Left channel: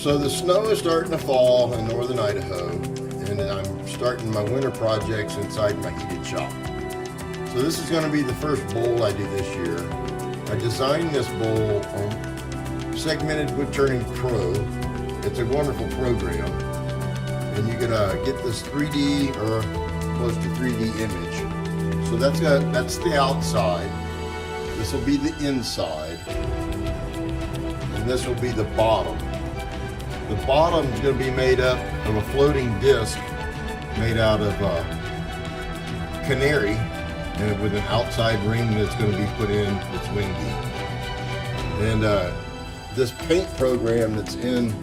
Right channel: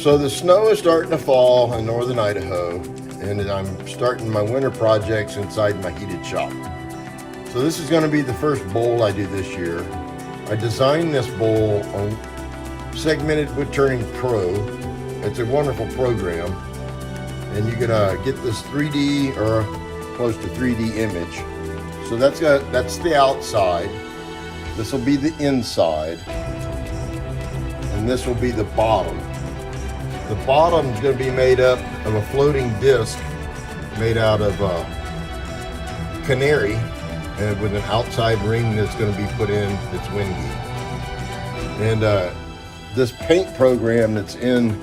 So the snow is starting to fall in northern Idaho, and I'm starting my winter projects inside my heated shop. So this is going to be the first bowl I do this year. I designed this bowl on Segmented Wood Turning Pro. It's a wonderful program, and you can get this 3D or close to 3D image. So that's the outside. This will be the inside, and this will be the bottom. The bottom is going to be made up of a floating disc made out of canary, and with an outside ring that's going to be put in that's windy. And this paint program that's in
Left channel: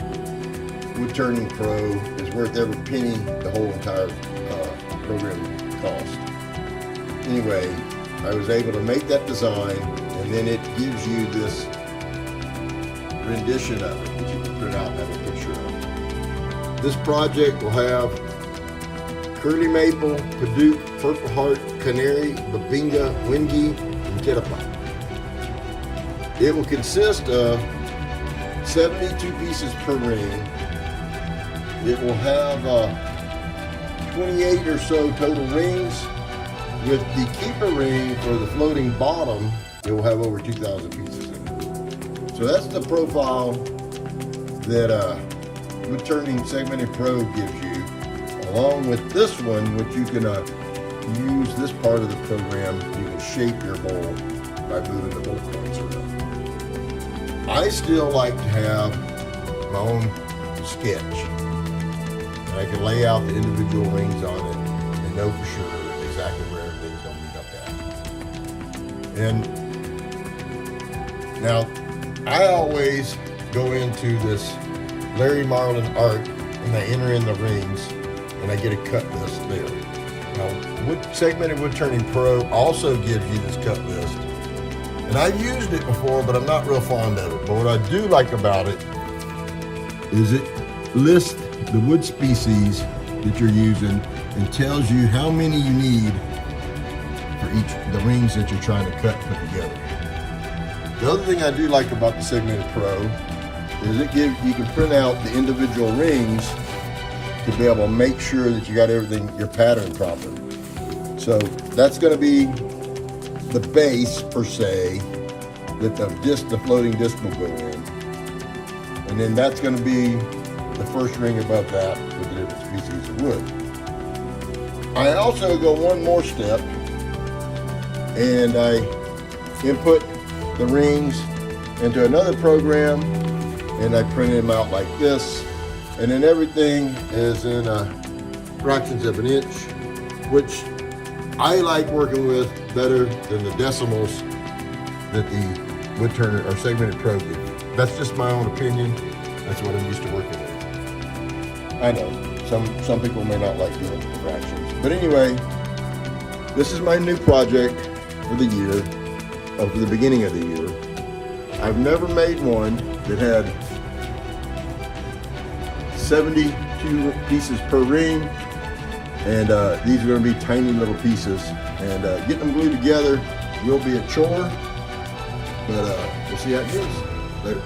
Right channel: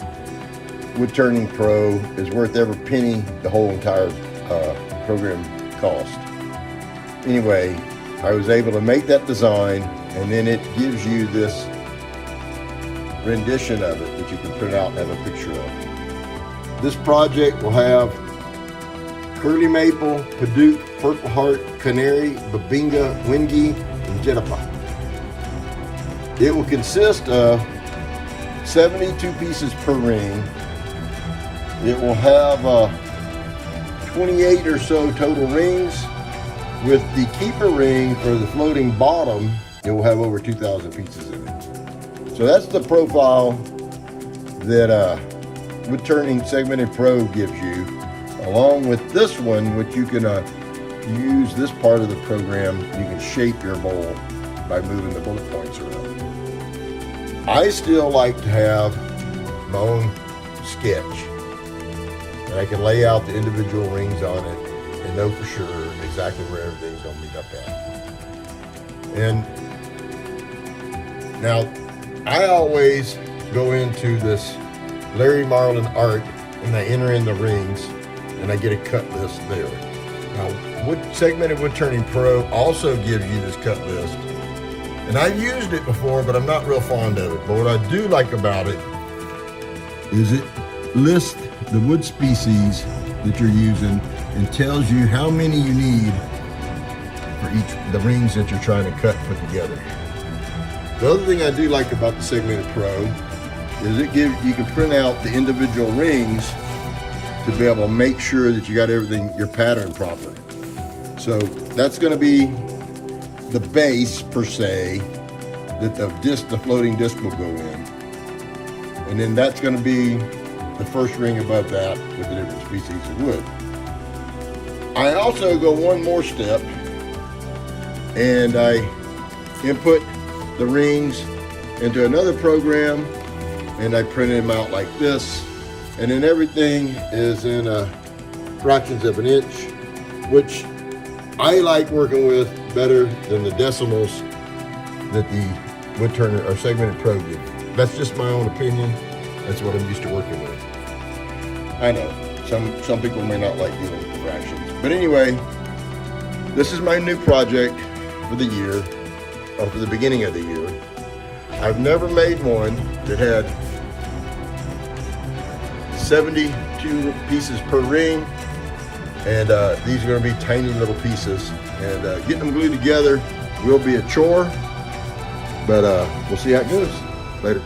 Wood Turning Pro is worth every penny the whole entire program cost. Anyway, I was able to make that design, and then it gives you this rendition of it that you can print out and have a picture of. This project will have curly maple, padauk, purple heart, canary, babinga, wingi, and jetapa. It will consist of 72 pieces per ring. It will have 28 or so total rings. With the keeper ring for the floating bottom, it will have over 2,000 pieces in it. So that's the profile that Wood Turning Segmented Pro gives you, along with this one, which you can use this part of the program. You can shape your bowl by moving the bullet points around. I still like to have my own sketch, and I can lay out the individual rings on it and know for sure exactly where everything's going to meet up at. And now I always go into this Larry Marlin art, and I enter in the rings, and I get a cut list there. Now, Segmented Wood Turning Pro also gives you this cut list, and I've used it before, but I'm not real fond of it. But what I do like about it is it lists the wood species that you're using and tells you how many you need for the rings that you're trying to cut and put together. The other thing I do like about the Segmented Pro is you can print out the individual rings to be able to make sure that you got everything, your pattern proper. So that's going to be the base per se that the floating disc will go in, and then that's going to be the first ring above that with the different species of wood. I also go one more step, and I input the rings into another program, and I print them out like this, and then everything is in fractions of an inch, which I like working with better than the decimals that the Wood Turner or Segmented Pro gives. That's just my own opinion. That's what I'm used to working with. I know some people may not like dealing with fractions, but anyway, this is my new project for the year, or for the beginning of the year. I've never made one that had 72 pieces per ring, and these are going to be tiny little pieces, and getting them glued together will be a chore, but we'll see how it goes. Later.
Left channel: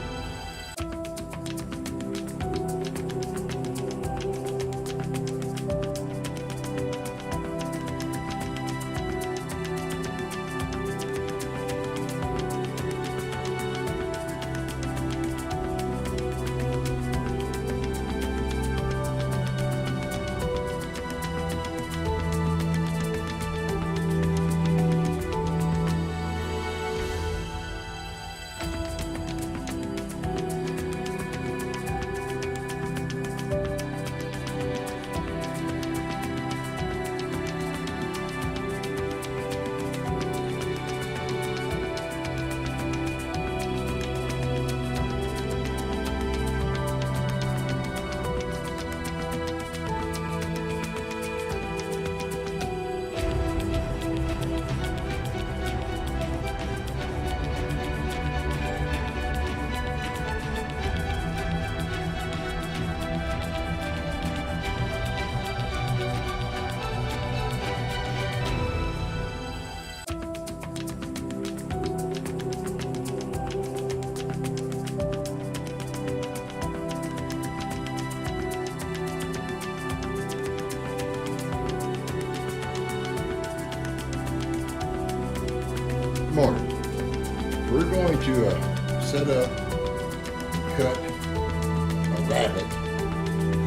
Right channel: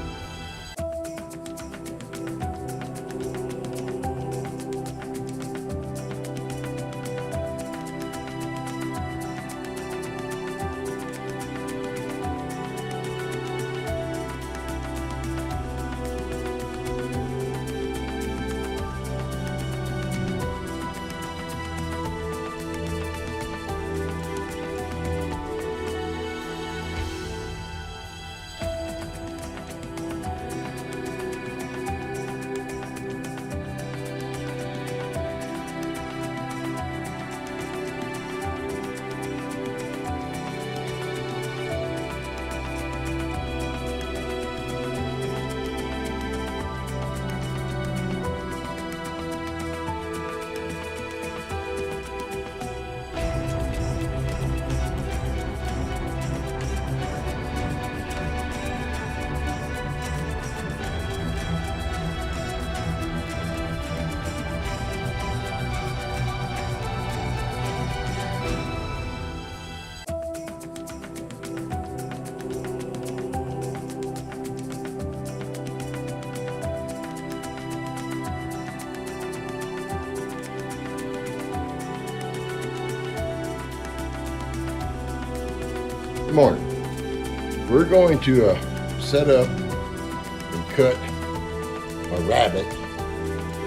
Good morning. We're going to set up and cut a rabbet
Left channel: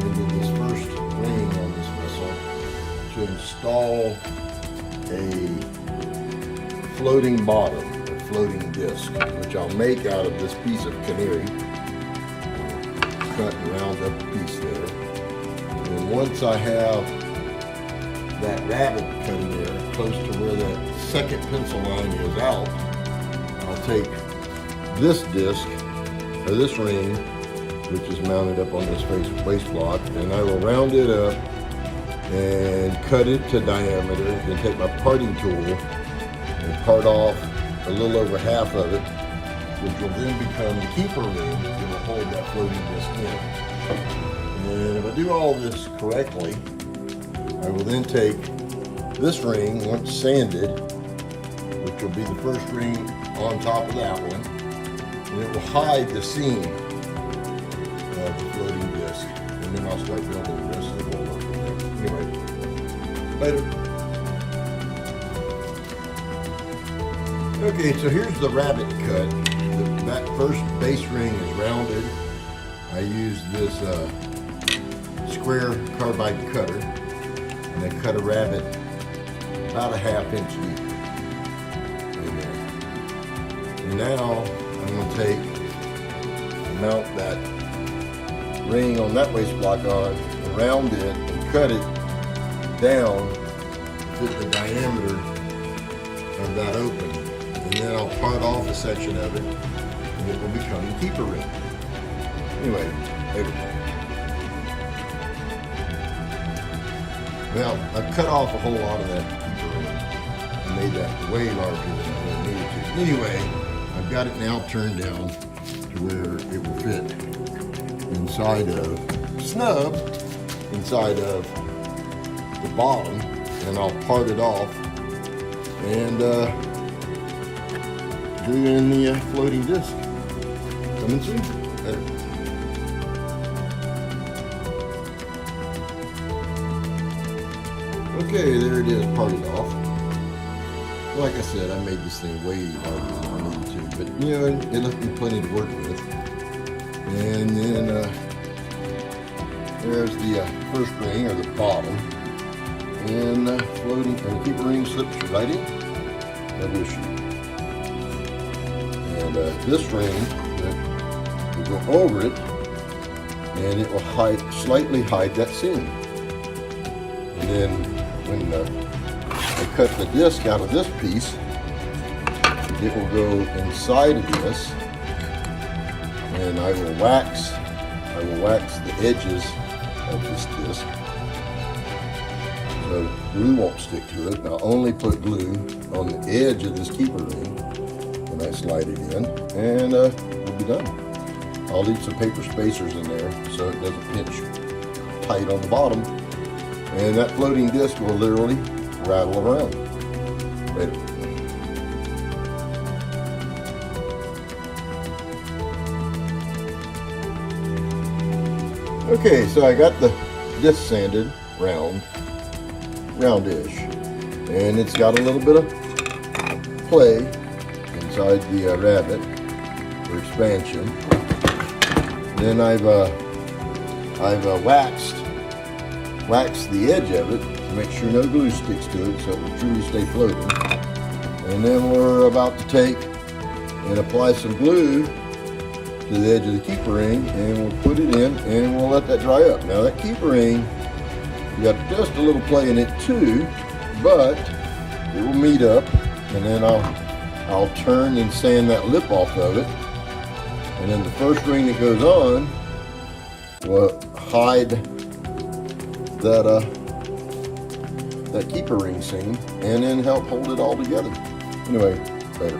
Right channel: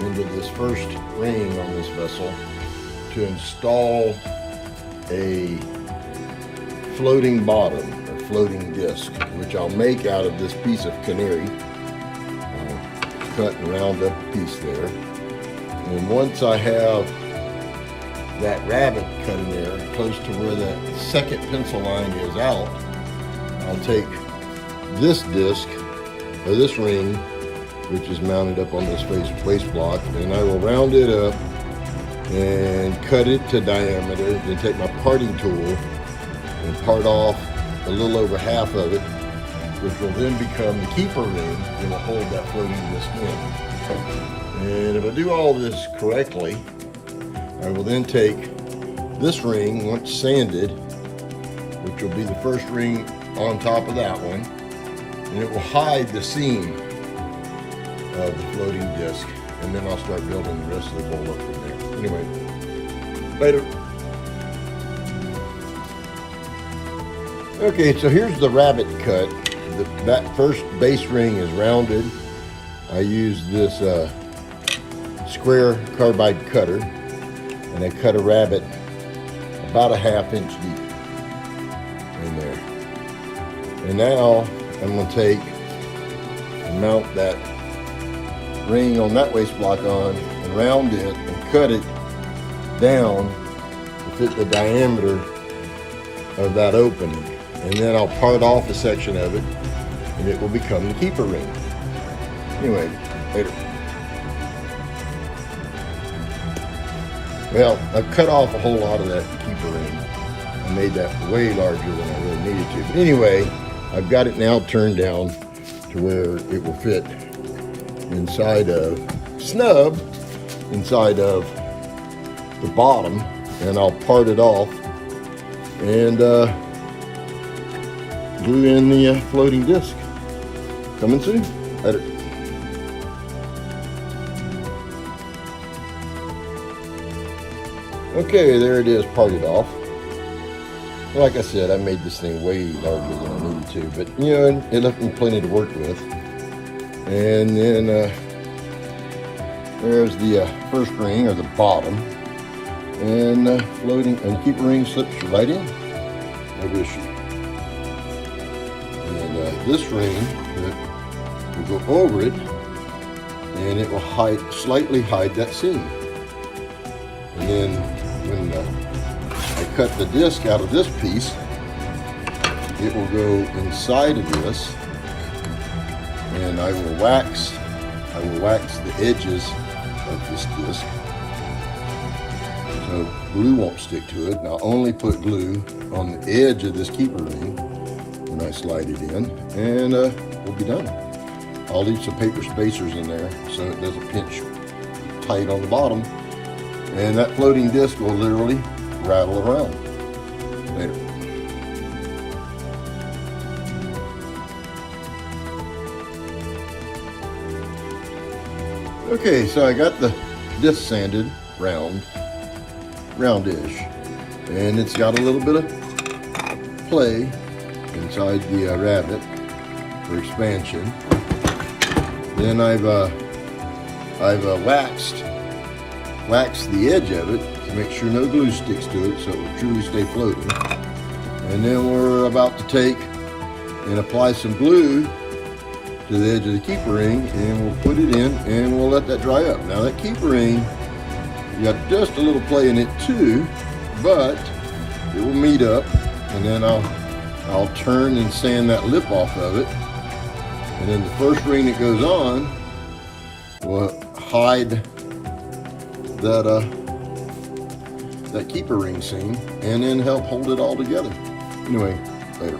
into this first ring on this vessel to install a floating bottom, a floating disc, which I'll make out of this piece of canary. I'll cut and round up a piece there. And once I have that rabbet cut in there, close to where that second pencil line is out, I'll take this disc, or this ring, which is mounted up on this waist block, and I will round it up and cut it to diameter, then take my parting tool and part off a little over half of it, which will then become the keeper ring that will hold that floating disc in. And if I do all this correctly, I will then take this ring, once sanded, which will be the first ring on top of that one, and it will hide the seam of the floating disc, and then I'll start building the rest of the bowl up from there. Anyway, later. Okay, so here's the rabbet cut. That first base ring is rounded. I used this square carbide cutter, and I cut a rabbet about a 1/2 inch deep in there. And now I'm going to take and mount that ring on that waist block on and round it and cut it down to fit the diameter of that opening. And then I'll part off a section of it and it will become the keeper ring. Anyway, later. Well, I've cut off a whole lot of that keeper ring. I made that way larger than I really needed to. But anyway, I've got it now turned down to where it will fit inside of, snub inside of the bottom, and I'll part it off and glue in the floating disc. Coming soon. Later. Okay, there it is, parted off. Like I said, I made this thing way larger than I needed to, but you know, it left me plenty to work with. And then there's the first ring, or the bottom, and floating, and the keeper ring slips right in, no issue. And this ring will go over it, and it will slightly hide that seam. And then when I cut the disc out of this piece, it will go inside of this, and I will wax the edges of this disc so glue won't stick to it. And I'll only put glue on the edge of this keeper ring when I slide it in, and we'll be done. I'll leave some paper spacers in there so it doesn't pinch tight on the bottom, and that floating disc will literally rattle around. Later. Okay, so I got the disc sanded roundish, and it's got a little bit of play inside the rabbet for expansion. Then I've waxed the edge of it to make sure no glue sticks to it, so it will truly stay floating. And then we're about to take and apply some glue to the edge of the keeper ring, and we'll put it in and we'll let that dry up. Now that keeper ring, you got just a little play in it too, but it will meet up, and then I'll turn and sand that lip off of it, and then the first ring that goes on will hide that keeper ring seam, and then help hold it all together. Anyway, later.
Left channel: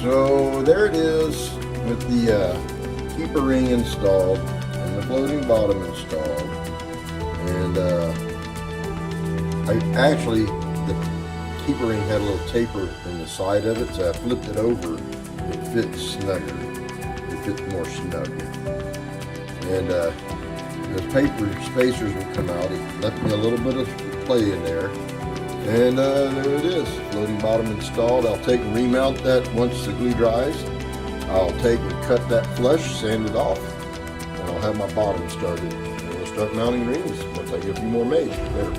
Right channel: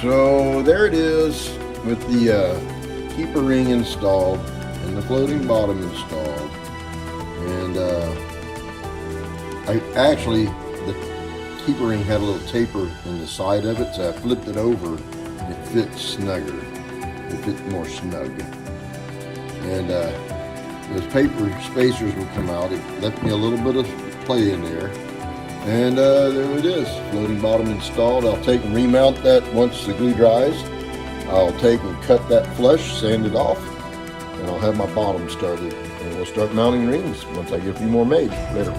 So there it is with the keeper ring installed and the floating bottom installed. And the keeper ring had a little taper in the side of it, so I flipped it over and it fits snugger. It fits more snug. And those paper spacers will come out. It left me a little bit of play in there. And there it is, floating bottom installed. I'll take and remount that once the glue dries. I'll take and cut that flush, sand it off, and I'll have my bottom started. And we'll start mounting rings once I get a few more made. Later.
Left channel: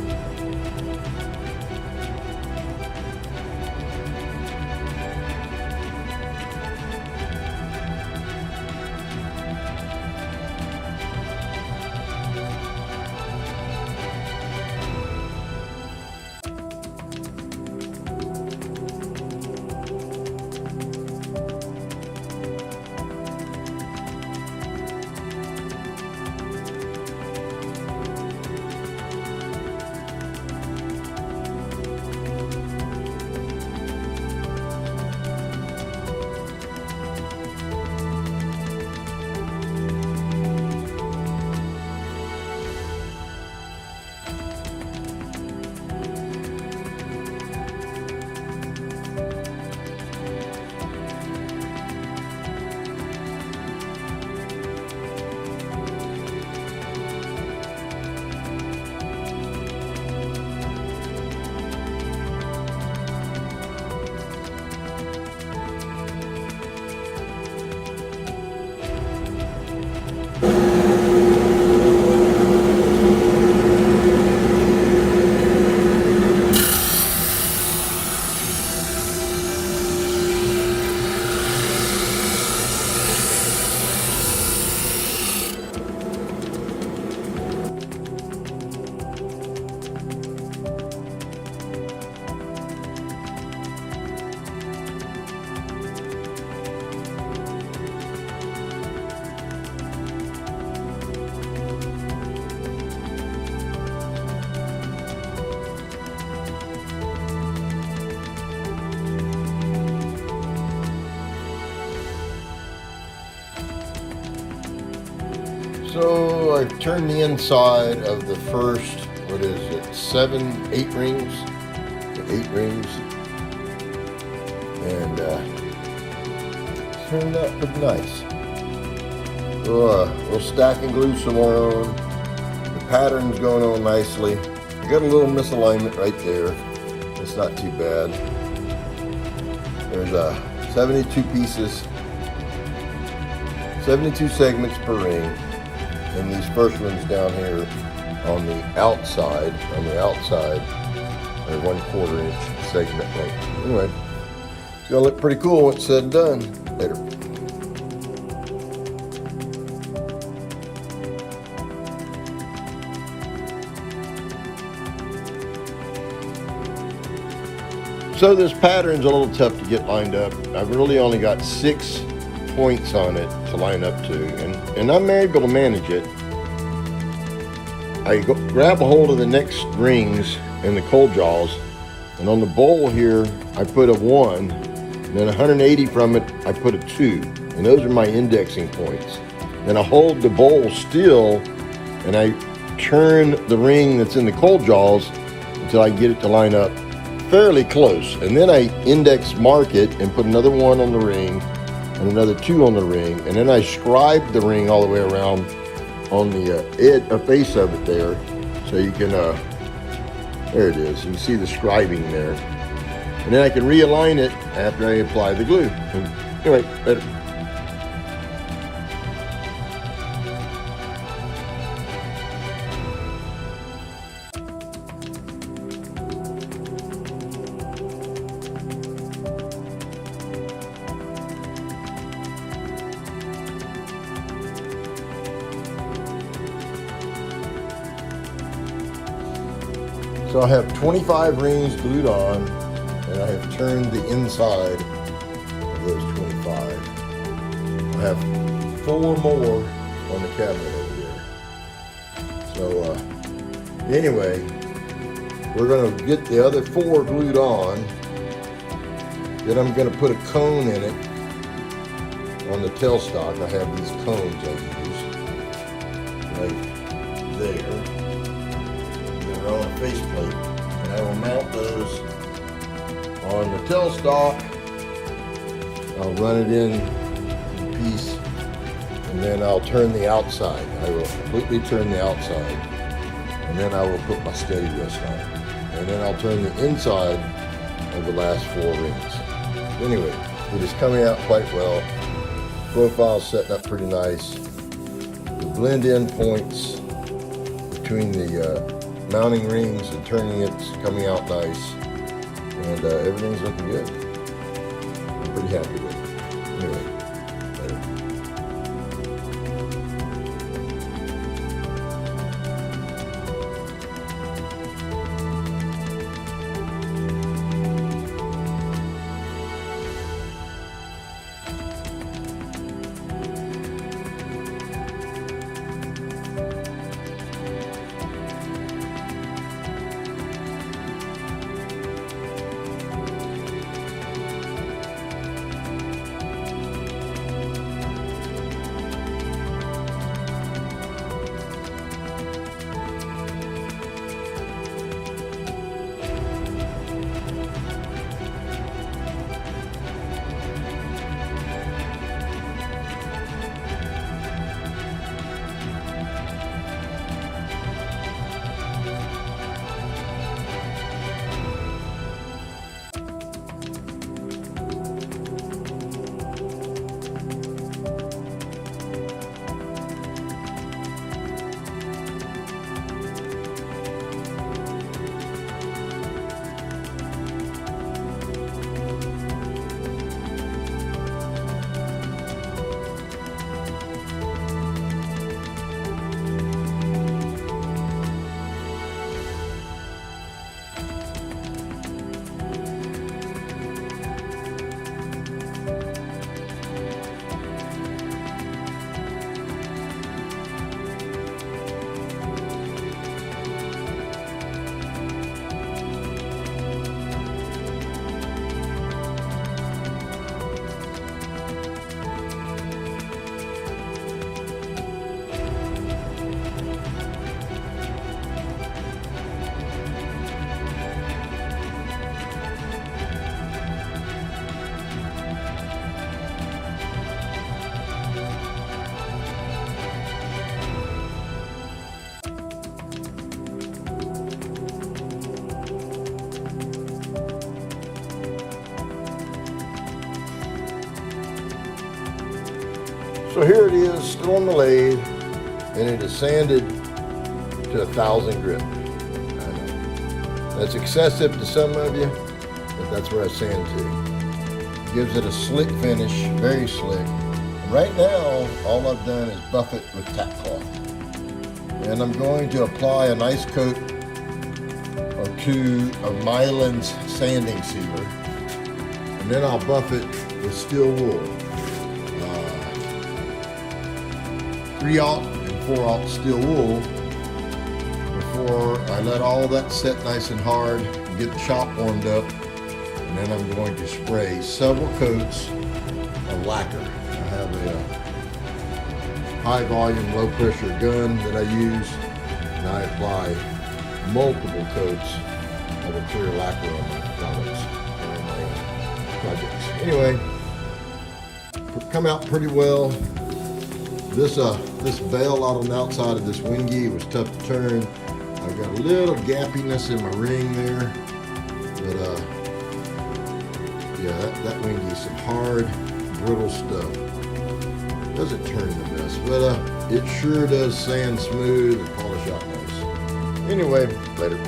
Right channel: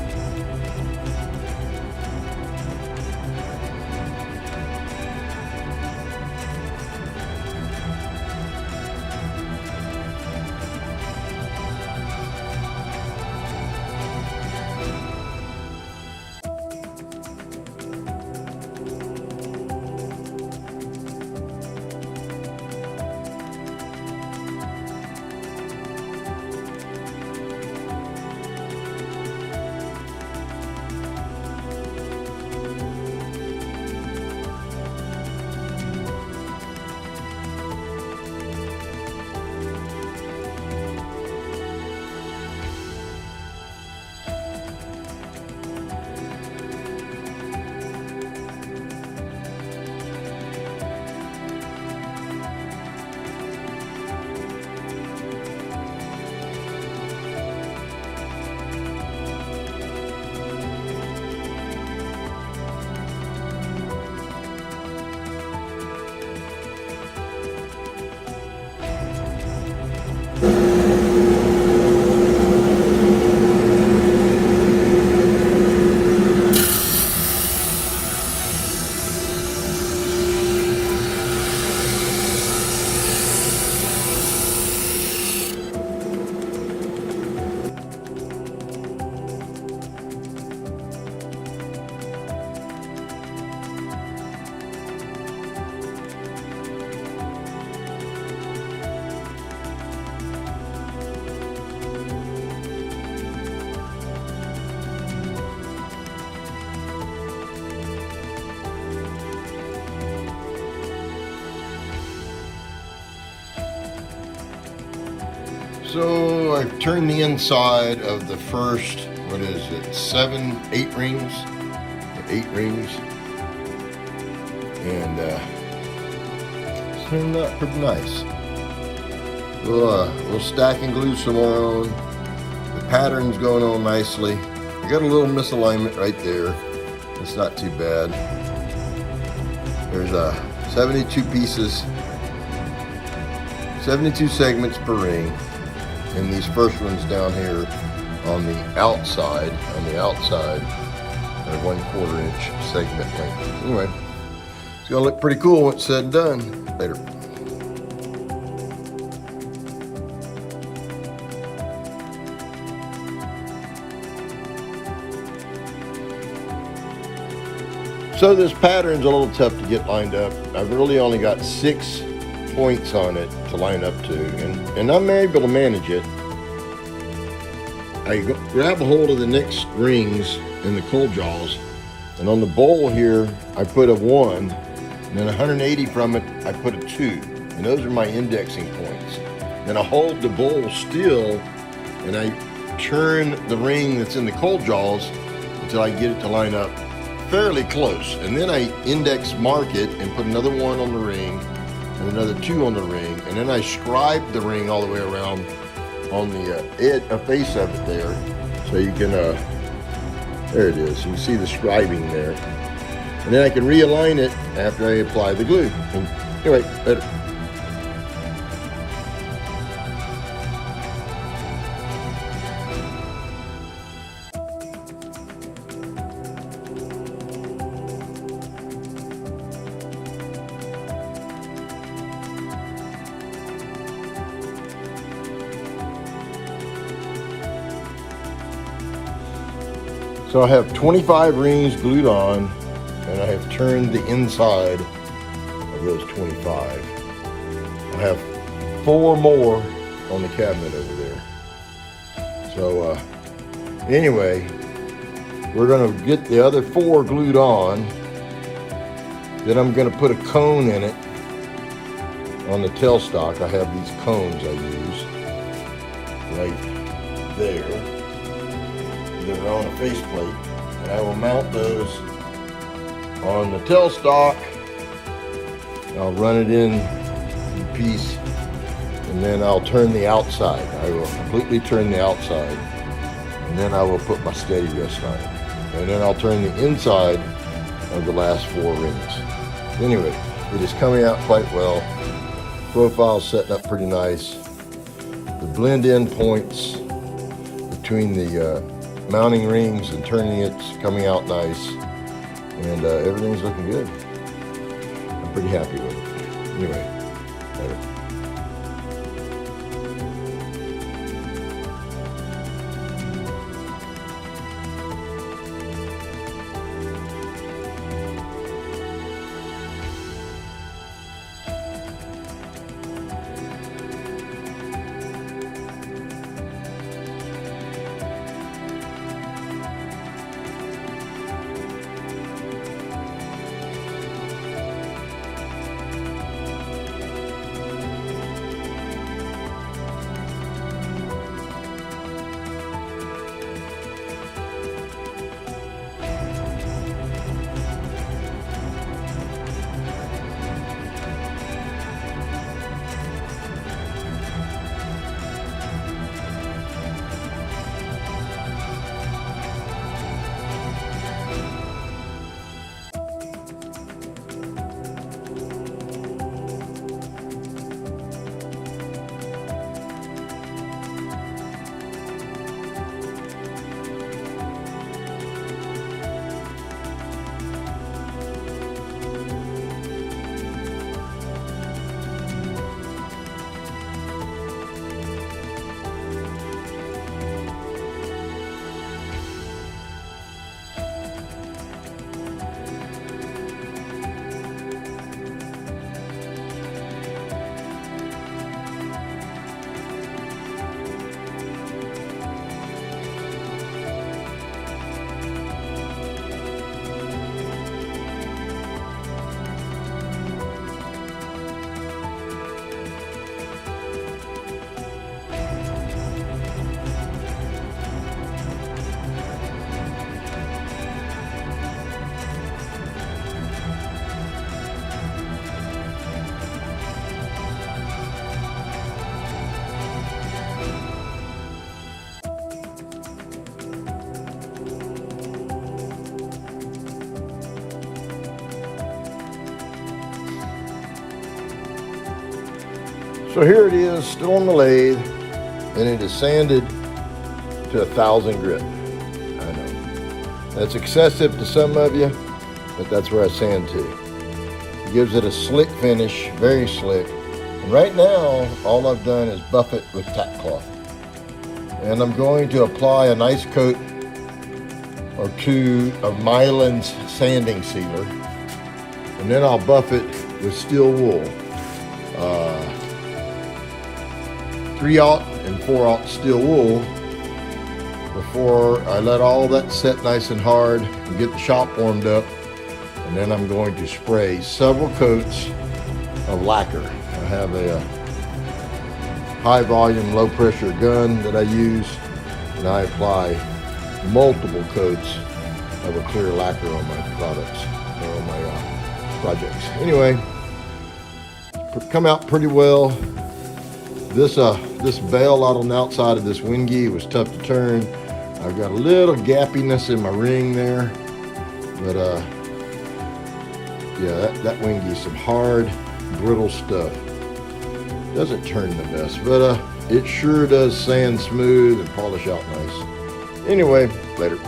So I've turned the inside of the first, what is it, 8 rings, 8 rings, and it's turned out pretty nice. We'll stack and glue some more on. The pattern's going on nicely. I got a little misalignment right there. It's not too bad. There's 72 pieces, 72 segments per ring. And these first ones down here on the outside, are 1/4 inch segment length. Anyway, it's gonna look pretty cool once it's said and done. Later. So this pattern's a little tough to get lined up. I've really only got 6 points on it to line up to, and I'm able to manage it. I grab a hold of the next rings in the cold jaws, and on the bowl here I put a 1, and then 180 from it I put a 2, and those are my indexing points. Then I hold the bowl still and I turn the ring that's in the cold jaws until I get it to line up fairly close, and then I index mark it and put another 1 on the ring and another 2 on the ring, and then I scribe the ring all the way around on the face of it there, so you can there it is, you can see the scribing there, and then I can realign it after I apply the glue. And anyway, later. So I have 25 rings glued on, and I have turned the inside of those 25. I have 4 more on the cabinet over there. So anyway, we're gonna get the other 4 glued on. Then I'm gonna put a cone in it on the tailstock. I have these cones I use right there. They're on a faceplate, and I will mount those on the tailstock. I'll run it in piece, and then I'll turn the outside. I will completely turn the outside, and then I will put my steady rest on it. and then I'll turn the inside of the last 4 rings. Anyway, it is coming out quite well. Profile's setting up pretty nice. The blend-in points between the mounting rings and turning it's coming out nice, and everything's looking good. I'm pretty happy with it. Anyway, later. So here it is, still on the lathe, and it is sanded to 1,000 grit. I know. That's excessive to some of you, but that's where I sand to. It gives it a slick finish, very slick. And right now, all I've done is buff it with tack cloth. And I'm going to apply a nice coat or 2 of Mylan's sanding sealer. And then I'll buff it with steel wool. 3/0 and 4/0 steel wool before I let all that set nice and hard and get the shop warmed up. And then I'm going to spray several coats of lacquer. I have a high volume, low pressure gun that I use, and I apply multiple coats of a clear lacquer on my products, or on my projects. Anyway, come out pretty well. This bail out on the outside of this wingy was tough to turn. I've got a little gappiness in my ring there, but yeah, that wingy is some hard, brittle stuff. Doesn't turn the best, but it sure does sand smooth and polish out nice. Anyway, later.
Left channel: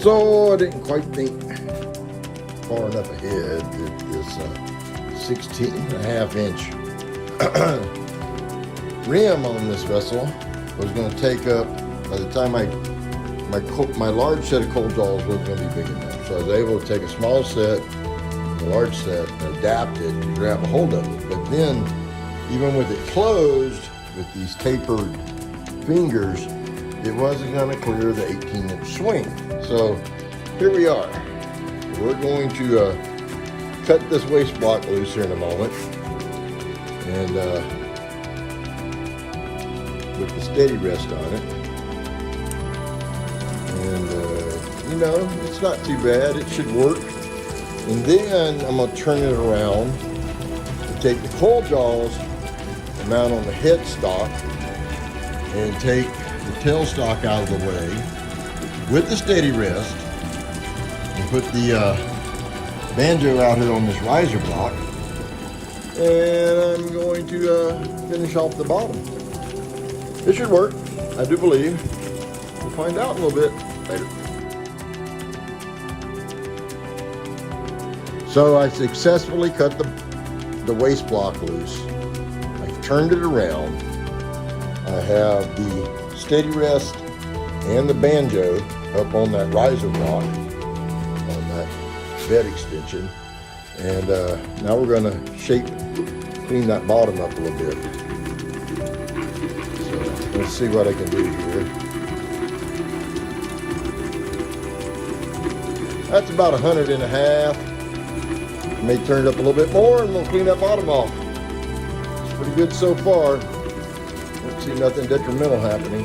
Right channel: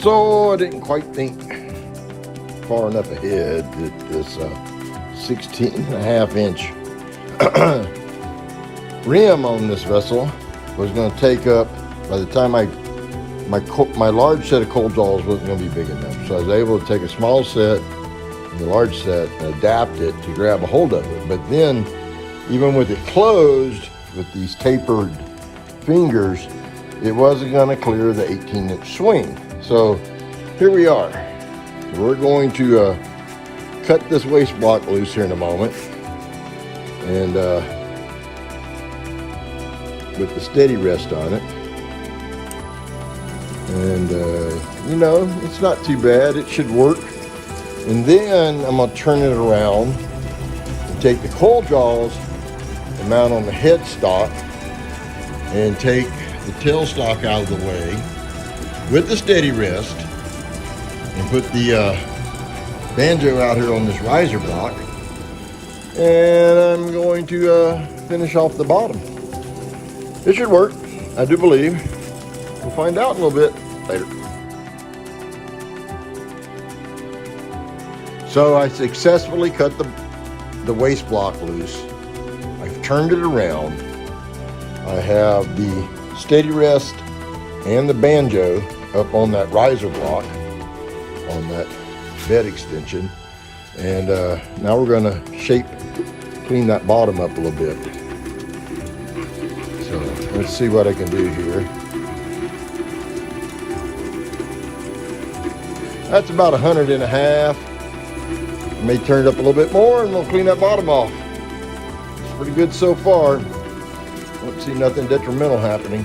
So I didn't quite think far enough ahead that this 16.5-inch rim on this vessel was going to take up, by the time my large set of cold jaws wasn't going to be big enough. So I was able to take a small set, the large set, and adapt it to grab a hold of it. But then, even with it closed, with these tapered fingers, it wasn't going to clear the 18-inch swing. So here we are. We're going to cut this waist block loose here in a moment, and with the steady rest on it. And you know, it's not too bad. It should work. And then I'm going to turn it around and take the cold jaws and mount on the headstock and take the tailstock out of the way with the steady rest and put the banjo out here on this riser block. And I'm going to finish off the bottom. It should work, I do believe. We'll find out in a little bit later. So I successfully cut the waist block loose. I've turned it around. I have the steady rest and the banjo up on that riser block, on that bed extension. And now we're going to clean that bottom up a little bit. So let's see what I can do here. That's about 100.5. I may turn it up a little bit more and we'll clean that bottom off. It's pretty good so far. Don't see nothing detrimental happening.